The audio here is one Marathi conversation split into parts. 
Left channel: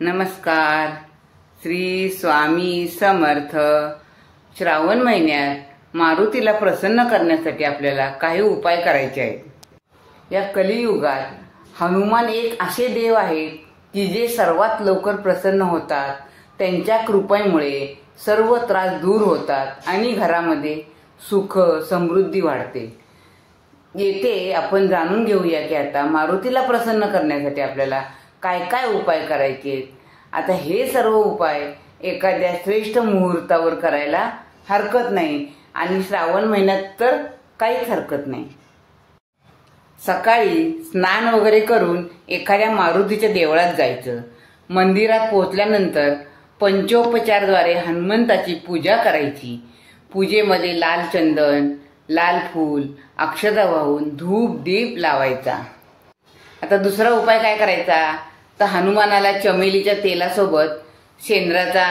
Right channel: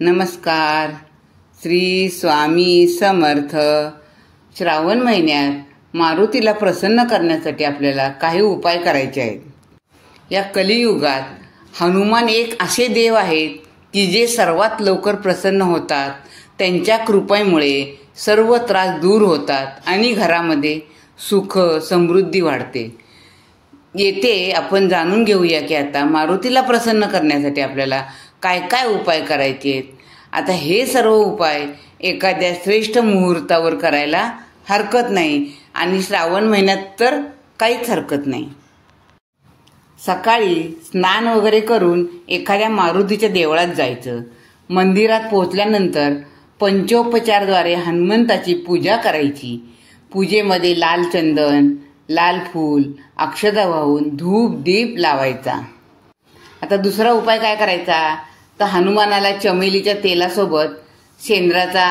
नमस्कार. श्री स्वामी समर्थ. श्रावण महिन्यात मारुतीला प्रसन्न करण्यासाठी आपल्याला काही उपाय करायचे आहेत. या कलियुगात हनुमान एक असे देव आहेत की जे सर्वात लवकर प्रसन्न होतात. त्यांच्या कृपेमुळे सर्व त्रास दूर होतात आणि घरामध्ये सुख समृद्धी वाढते. येथे आपण जाणून घेऊया की आता मारुतीला प्रसन्न करण्यासाठी आपल्याला काय काय उपाय करायचे आहेत. आता हे सर्व उपाय एखाद्या श्रेष्ठ मुहूर्तावर करायला हरकत नाही आणि श्रावण महिन्यात तर काहीच हरकत नाही. सकाळी स्नान वगैरे करून एखाद्या मारुतीच्या देवळात जायचं. मंदिरात पोहोचल्यानंतर पंचोपचारद्वारे हनुमंताची पूजा करायची. पूजेमध्ये लाल चंदन, लाल फूल, अक्षता वाहून धूप दीप लावायचा. आता दुसरा उपाय काय करायचा तर हनुमानाला चमेलीच्या तेलासोबत शेंद्राचा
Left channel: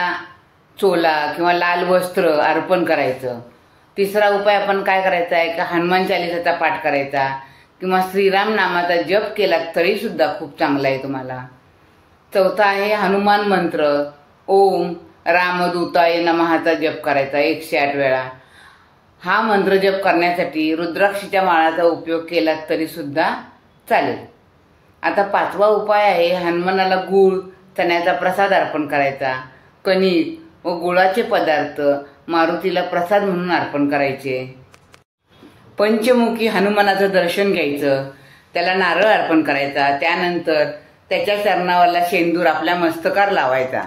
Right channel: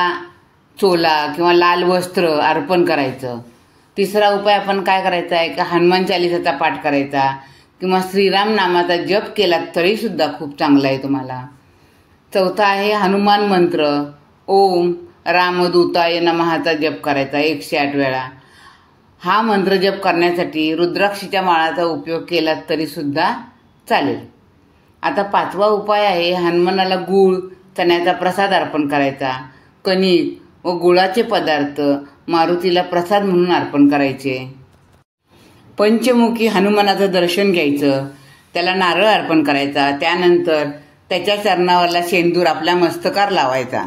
चोला किंवा लाल वस्त्र अर्पण करायचं. तिसरा उपाय आपण काय करायचा आहे की हनुमान चालिसाचा पाठ करायचा किंवा श्रीराम नामाचा जप केला तरी सुद्धा खूप चांगला आहे तुम्हाला. चौथा आहे हनुमान मंत्र ओम रामदूताय नमःचा जप करायचा 108 वेळा. हा मंत्र जप करण्यासाठी रुद्राक्षीच्या माळाचा उपयोग केला तरी सुद्धा चालेल. आता पाचवा उपाय आहे हनुमानाला गूळ चण्याचा प्रसाद अर्पण करायचा. कणिक व गुळाचे पदार्थ मारुतीला प्रसाद म्हणून अर्पण करायचे. पंचमुखी हनुमानाचं दर्शन घ्यायचं. त्याला नारळ अर्पण करायचा. त्यानंतर त्याच्या चरणावरला शेंदूर आपल्या मस्तकावर लावायचा.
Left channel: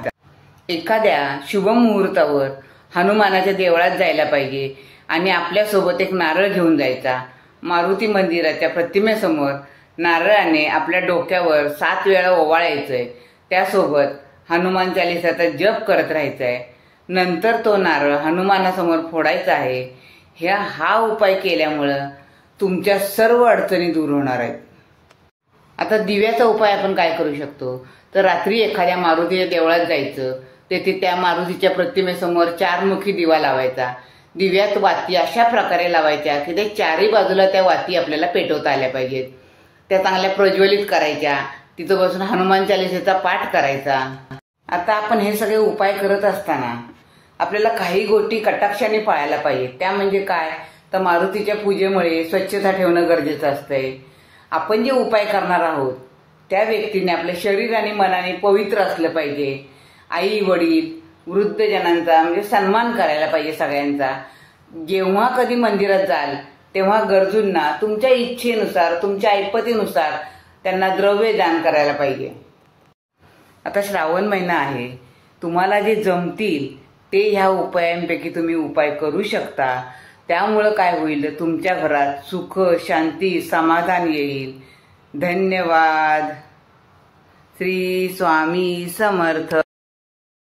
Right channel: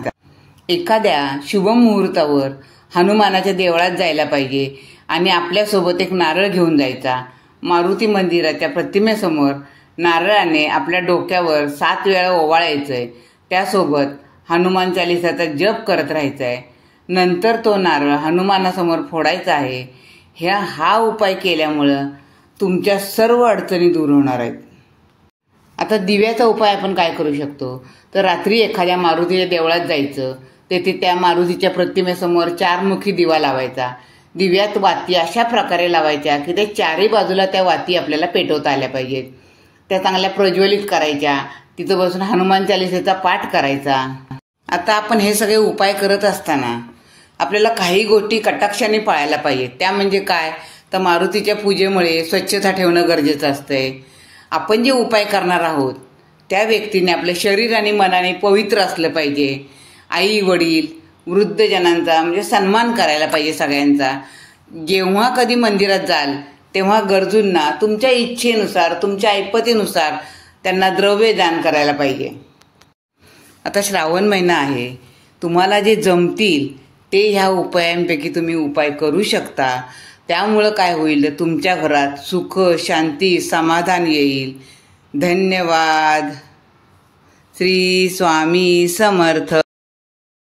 एखाद्या शुभ मुहूर्तावर हनुमानाच्या देवळात जायला पाहिजे आणि आपल्यासोबत एक नारळ घेऊन जायचा. मारुती मंदिराच्या प्रतिमेसमोर नारळाने आपल्या डोक्यावर 7 वेळा ओवाळायचंय. त्यासोबत हनुमान चालिसाचा जप करत राहायचाय. नंतर तो नारळ हनुमानासमोर फोडायचा आहे. हा उपाय केल्यामुळं तुमच्या सर्व अडचणी दूर होणार आहेत. आता दिव्याचा उपाय आपण काय करू शकतो तर रात्री एखाद्या मारुतीच्या देवळात जायचं. तेथे त्या मारुतीच्या प्रतिमेसमोर 4 मुखी दिवा लावायचा. दिव्यात वाती अशा प्रकारे लावायच्या की त्या चारही बाजूला त्या वाती आपल्याला पेटवता आल्या पाहिजेत. त्या चांगल्या प्रज्वलित करायच्या. तिथं बसून हनुमान चालिसेचा पाठ करायचा. आता आपण हे सगळे उपाय करत असताना आपल्याला काही गोष्टी कटाक्षाने पाळायला पाहिजेत. त्या म्हणजे काय तर मारुतीच्या पूजेमुळे स्वच्छता ठेवणं गरजेचं असतंय. आपण जे उपाय करणार आहोत त्या व्यक्तीने आपल्या शरीर आणि मनाने पवित्र असलं पाहिजे. आई वडील वृद्धजनांचा म्हणजे सन्मान करायला पाहिजे सगळ्यांचा. जेव्हा कधी मंदिरात जाल तेव्हा गरजूंना तुमच्या इच्छेनुसार तुमच्या ऐपतीनुसार त्यांना द्रव्य दान करायला पाहिजे. आता श्रावण महिना आहे. तुम्हाला जे जमतील ते ह्या उपायांपैकी तुम्ही उपाय करू शकता. त्यामुळं काय होईल तर तुमच्या घरात सुख शांती समाधान येईल. धन्यवाद. श्री स्वामी समर्थ.